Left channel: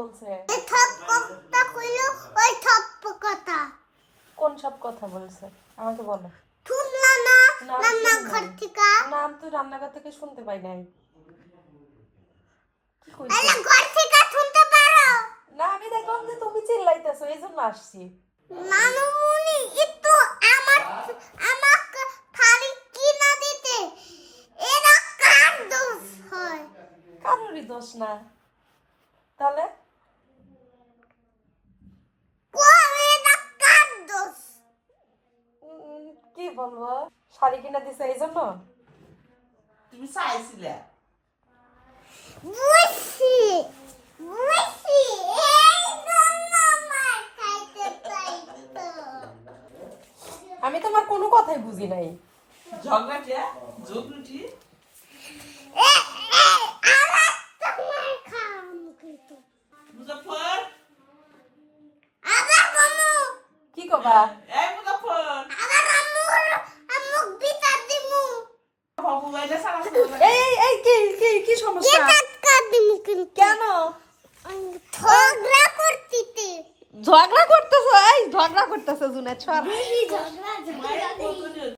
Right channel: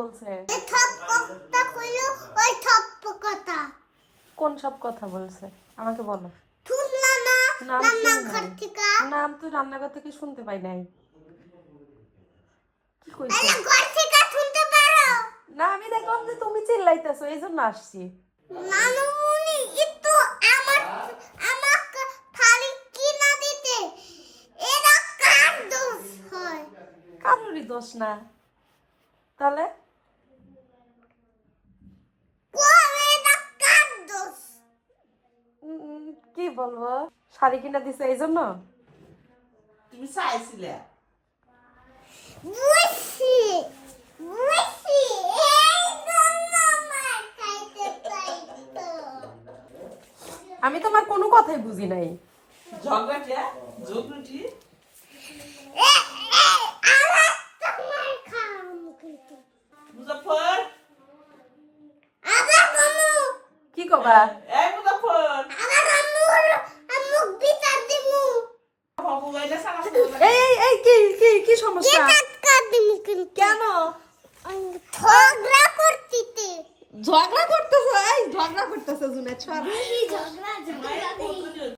বলছে? কোন সব কথা বলছে আমাকে বলো। নাম তো রান্নাঘর থেকে শুনতে পাই নাই। কি কইছিস? না আমি দেখলাম যে তুমি চিল্লাইতেছো, এইজন্য আসছি। নানুমুনি একটু আমাকে থালি কিনা দিতে। এরা কার দোষ হয়? কারোরই দোষ না। তাহলে এরা কার দোষ? কি বলবো, শাড়ি কিনা দিছে এই জন্য? তুমি চাইছিলে বুঝছি বুঝছি এই জন্য আমার খাইতে চাইতো। আমি তোমার কোনো কথাই বুঝি নাই। ঝগড়াটে ঝগড়ুটি আমার তোমার খাম কিন্তু মুজাফর আবার মামু কি কবা? এই মুজাফর আবার আমুক বিচার দিমু। বাবু এটা সারা এই কি কি কি সমস্যা? টাকা দিমু কিন্তু কেন ঝগড়া করতিতে। ঝগড়া করতেছো? এই ঝগড়া করতেছো জুনে ছড়া। ঝগড়া